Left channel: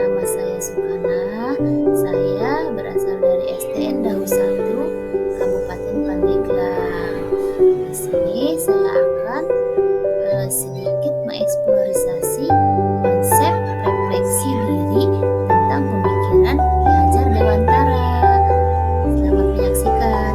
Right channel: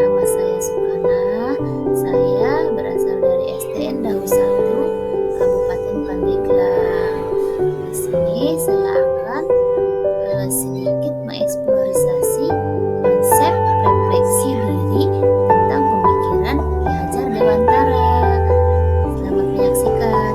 Nama saya Sukana. Saya berasal dari SDN Dahu 1, Kabupaten Pandeglang. Di sini saya akan sedikit mengeksplorasi konsep refleksi diri tentang pemikiran Ki Hajar Dewantara. Selamat menyaksikan.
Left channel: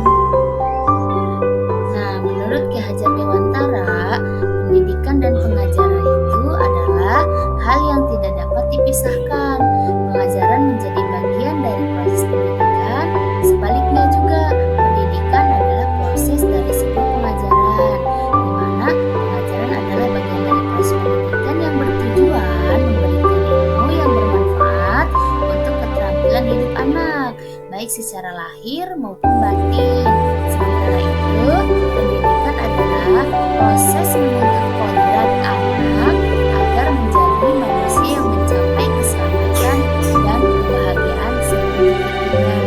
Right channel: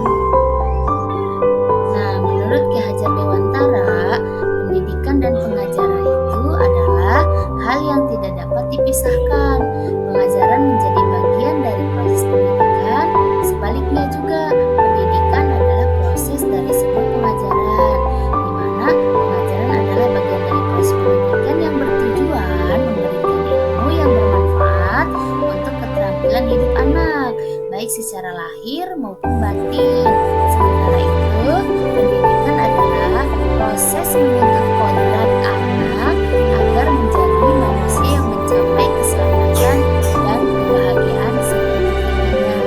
Nah, menurut Ki Hajar Dewantara, pendidikan dan pengajaran itu adalah hal yang tidak dapat dipisahkan. Pengajaran menjadi bagian dari proses pendidikan. Sebaliknya juga, pendidikan adalah proses dari sebuah pengajaran, di mana pengajaran adalah bagian dari proses pendidikan yang bertujuan memberikan ilmu yang bermanfaat untuk keterampilan hidup anak, baik secara lahir maupun batin. Sementara itu, pendidikan adalah proses menuntut kodrat anak agar menjadi manusia yang mencapai keselamatan dan kebahagiaan setinggi-tingginya.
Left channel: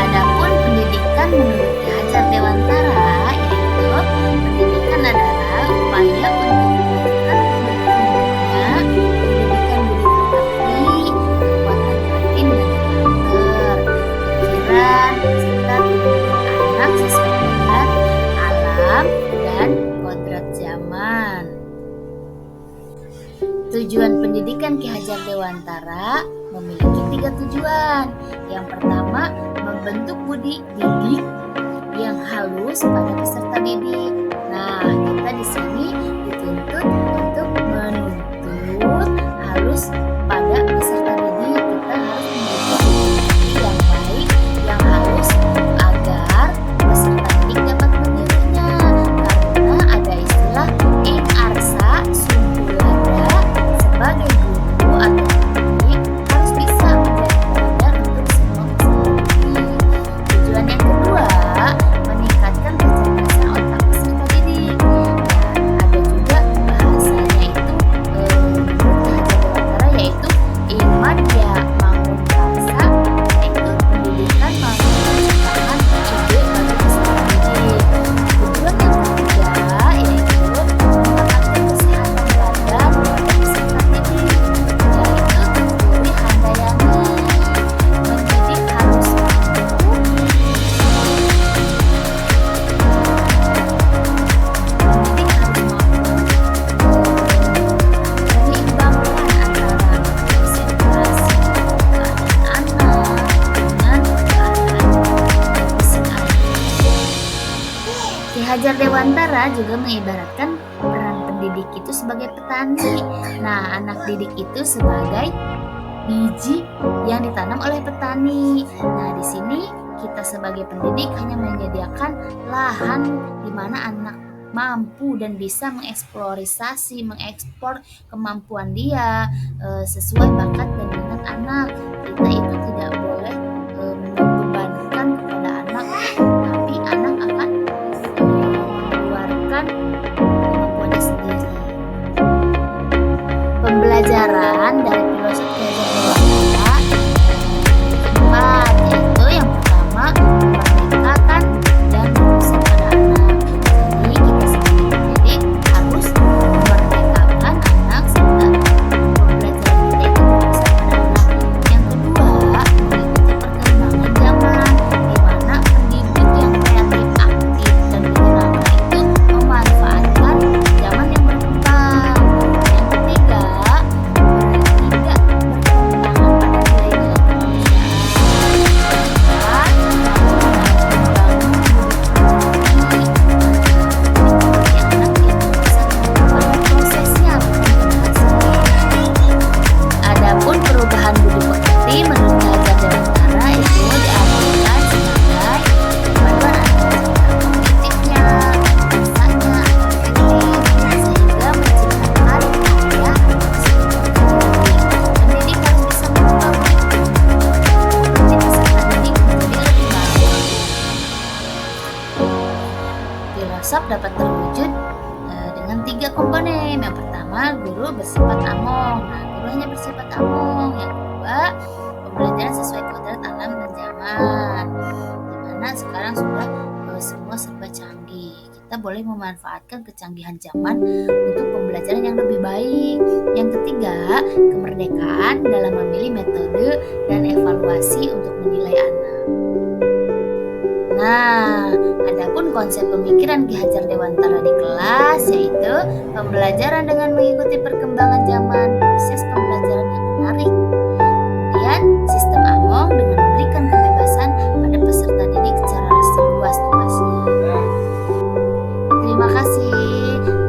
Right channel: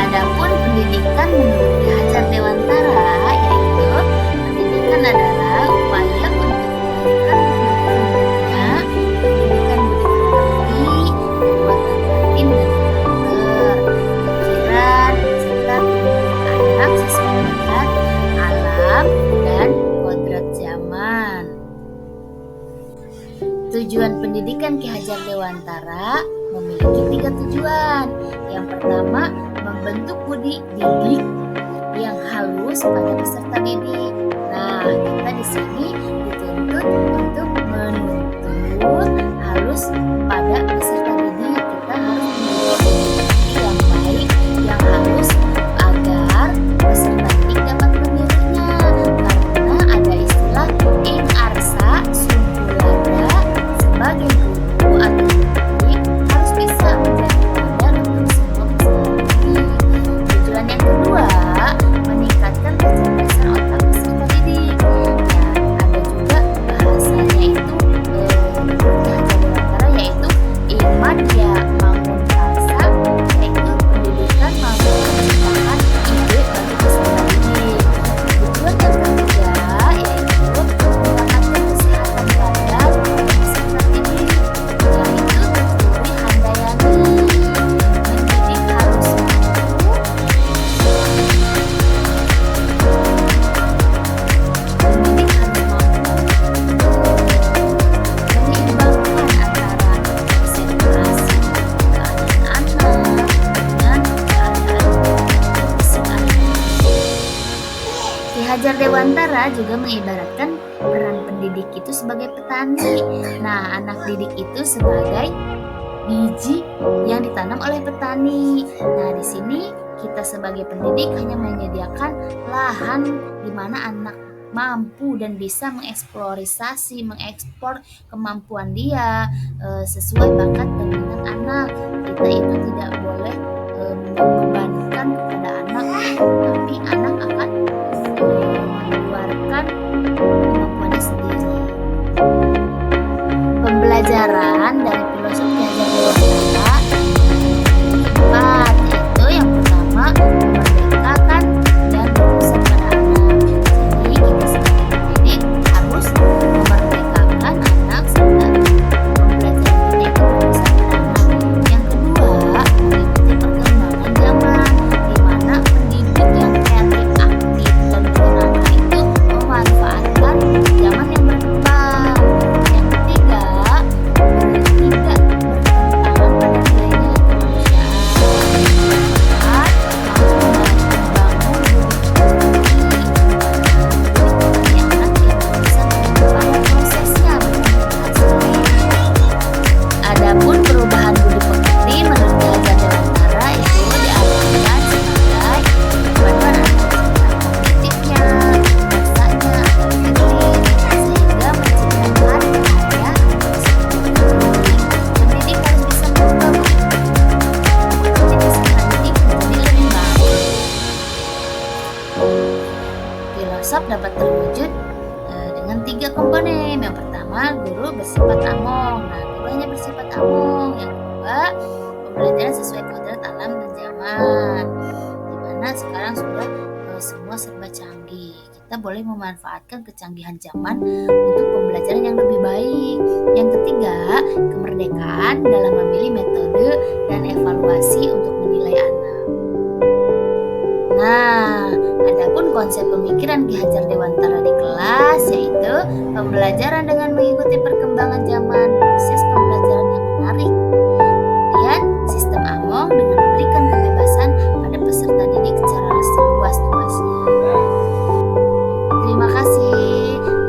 Adapun pendidikan menurut Ki Hajar Dewantara, yaitu pendidikan adalah upaya untuk meningkatkan bertumbuhnya pendidikan budi pekerti, kekuatan batin dan karakter, pikiran, serta tubuh anak sesuai kodrat alam dan kodrat zaman. Tujuan pendidikan Ki Hajar Dewantara memiliki 3 tujuan. Yang pertama, membentuk budi didik yang halus pada peserta didik. Nah, kita di sini dituntut untuk menuntut halus pada peserta didik. Kita harus memiliki budi yang baik, yang halus agar peserta didik dapat menirunya. Karena ada istilah ing arsa sumpulada, sebagai guru atau pendidik harus bisa menjadi teladan untuk semua peserta didik. Tujuan yang kedua, meningkatkan kecerdasan otak peserta didik. Ya, ada juga bahasanya itu menurut Ki Hajar Dewantara, yaitu imadya mangun karsa, yaitu pendidikan mampu menciptakan ide bagi peserta didik. Tujuan yang ketiga yaitu mendapatkan kesehatan badan pada peserta didik, yaitu Turi Handayani. Mendidik harus mampu menyeimbangkan antara konsentrasi keadaan anak dengan keadaan fisik anak. Ki Hajar Dewantara juga mengibaratkan peran pendidik itu sebagai petani. Nah, anak didik itu sebagai biji yang ditanam oleh petani. Nah, di sini kita sebagai pendidik hanya menyediakan lahan di mana anak mampu dan bisa mengeksplorasi, mengekspor kemampuan dia sesuai bakat dan minat anak. Kita itu tidak boleh membebankan kepada anak, tapi anak akan mengeluarkan kemampuannya sendiri. Pembelajaran dari filosof Ki Hajar Dewantara empat, yaitu yang pertama, memerdekakan dan berpusat pada anak. Jadi kita sebagai pendidik harus memerdekakan anak serta pembelajaran kita itu berpusat pada anak. Yang kedua, mengikuti perkembangan zaman, di mana pendidik yang kreatif, aktif, dan menyenangkan itu memanfaatkan zaman yang berkembang. Yang ketiga, tidak bertentangan pada nilai-nilai kemanusiaan. Keempat, mampu membangun budi pekerti, budi anak yang berpusat pada prosesnya bukan pada hasilnya. Adapun perubahan budi pekerti menurut Ki Hajar Dewantara itu diartikan sebagai perpaduan antara citra kognitifnya, rasanya, atau efektif, sehingga menciptakan karya atau sebuah pendidik. Pendidik harus bisa mengubah budi pekerti peserta didik menjadi lebih baik. Filosof dapat terwujud dengan 3 komponen. Yang pertama, guru bersifat among. Nah, guru hanya bersifat among. Yang kedua, pembelajaran sesuai kodrat alam dan zaman, dimana sekarang sudah semua serba canggih. Kita boleh memanfaatkan kecanggihan zaman untuk pembelajaran yang lebih baik. Yang ketiga, kemerdekaan dalam memilih metode dan evaluasi untuk menilai anak. Nah, adapun konsep pemikiran Ki Hajar Dewantara di kelas yaitu pembelajaran dengan mengikuti perkembangan zaman, proses pembelajaran yang menarik. Kemudian, sistem Among dengan memberikan kebebasan pada peserta didik secara seluas-luasnya. Terima kasih.